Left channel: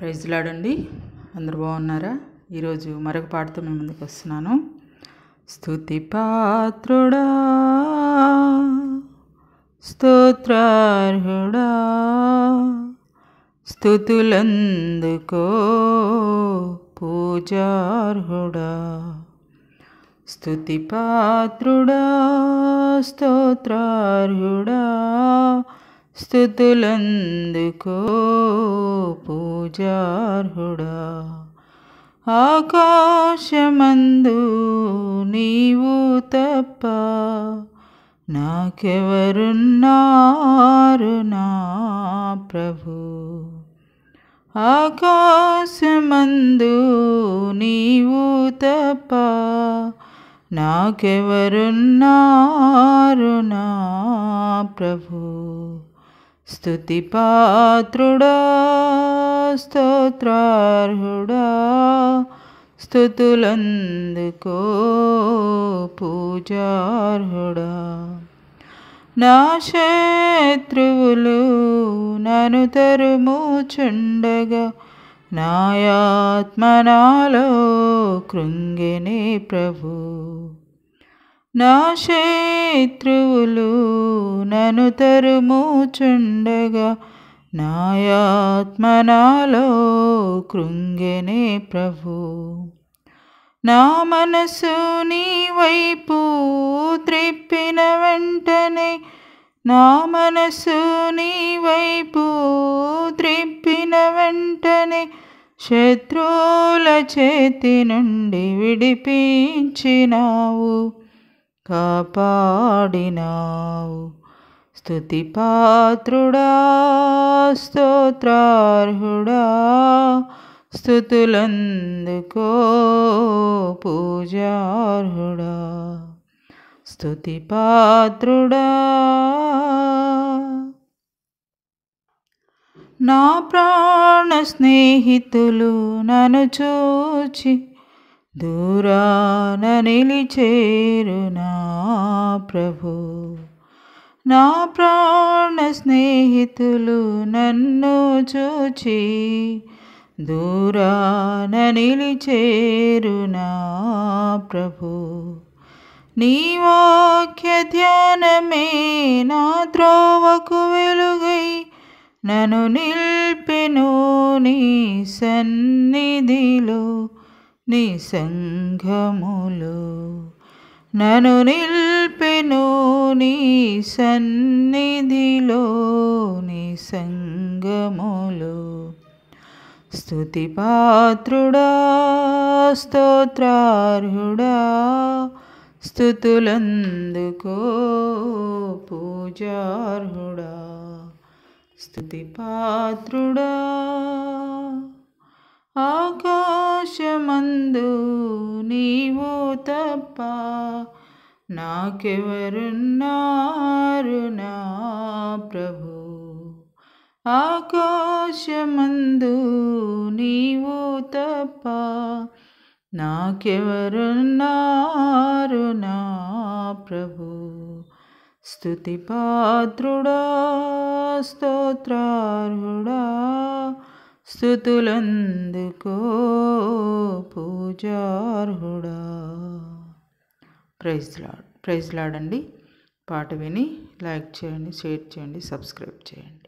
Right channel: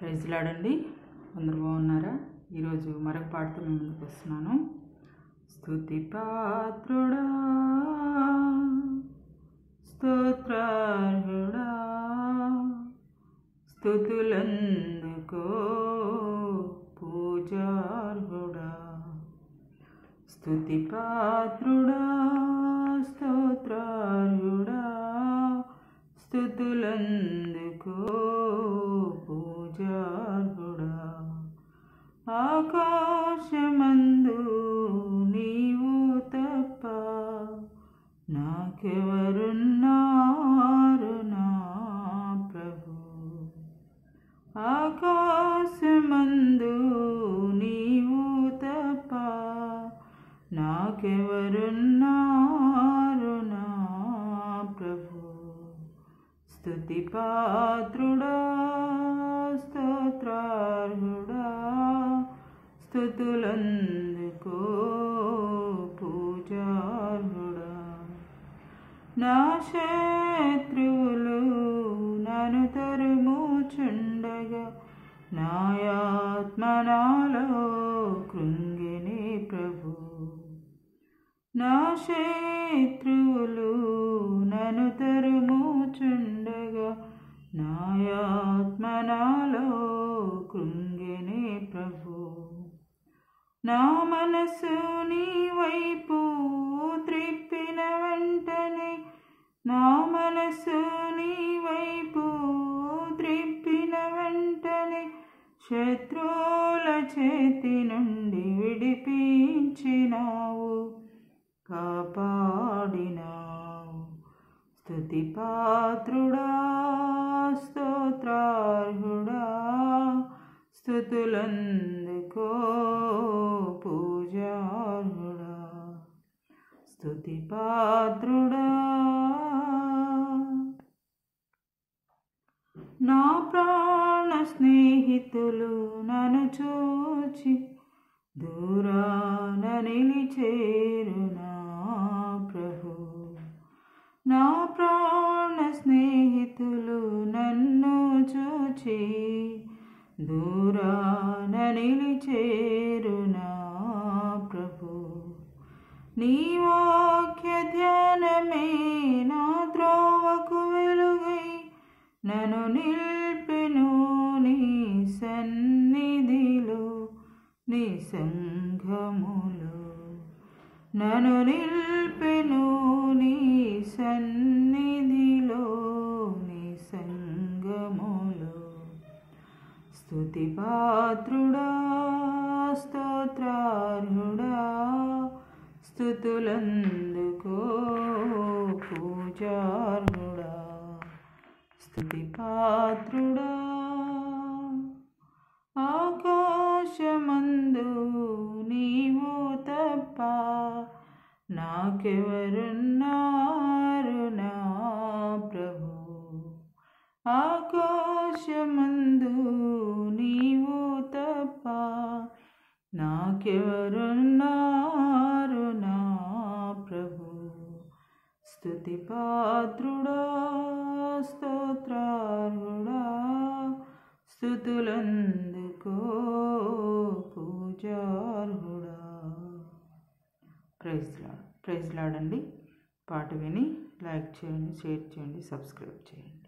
Praise లాడండి. అందరు బాగున్నారా? ఈరోజు మరొక పాటతో మీ ముందుకు వస్తున్నాను. స్తుతి పాత్రుడా, స్తోత్రార్హుడా, స్తుతులందుకో పూజార్హుడా. స్తుతి పాత్రుడా, స్తోత్రార్హుడా, స్తుతులందుకో పూజార్హుడా. ఆకాశమందు నీవు తప్ప నాకెవరున్నారు నా ప్రభు. ఆకాశమందు నీవు తప్ప నాకెవరున్నారు నా ప్రభు. స్తుతి పాత్రుడా, స్తోత్రార్హుడా, స్తుతులందుకో పూజార్హుడా. నా శత్రువులు నన్ను తరుముచుండగా నాయాత్మ నాలో కృంగెనే ప్రభు. నా శత్రువులు నన్ను తరుముచుండగా నాయాత్మ నాలో కృంగెనే ప్రభు. నా మనసు నీ వైపు త్రిప్పిన వెంటనే, నా మనసు నీ వైపు త్రిప్పిన వెంటనే శత్రువుల చేతి నుండి విడిపించినావు, కాపాడినావు. స్తుతి పాత్రుడా, స్తోత్రార్హుడా, స్తుతులందుకో పూజార్హుడా. స్తుతి పాత్రుడా. నా ప్రాణ స్నేహితులు నన్ను చూచి దూరాన నిలిచేరు నా ప్రభు. నా ప్రాణ స్నేహితులు నన్ను చూచి దూరాన నిలిచేరు నా ప్రభు. నీ వాక్య ధ్యానమే నా త్రోవకు వెలుగై నన్ను నిల్పెను నీ సన్నిధిలో నీ సంఘములో. నన్ను నిల్పెను నీ సన్నిధిలో నీ సంఘములో. స్తుతి పాత్రుడా, స్తోత్రార్హుడా, స్తుతులందుకో పూజార్హుడా. స్తుతి పాత్రుడా. ఆకాశమందు నీవు తప్ప నాకెవరున్నారు నా ప్రభు. ఆకాశమందు నీవు తప్ప నాకెవరున్నారు నా ప్రభు. స్తుతి పాత్రుడా, స్తోత్రార్హుడా, స్తుతులందుకో పూజార్హుడా. ప్రైజ్ లాడ్ అండి. పాట విని లైక్ చేయండి, షేర్ చేయండి, సబ్స్క్రైబ్ చేయండి.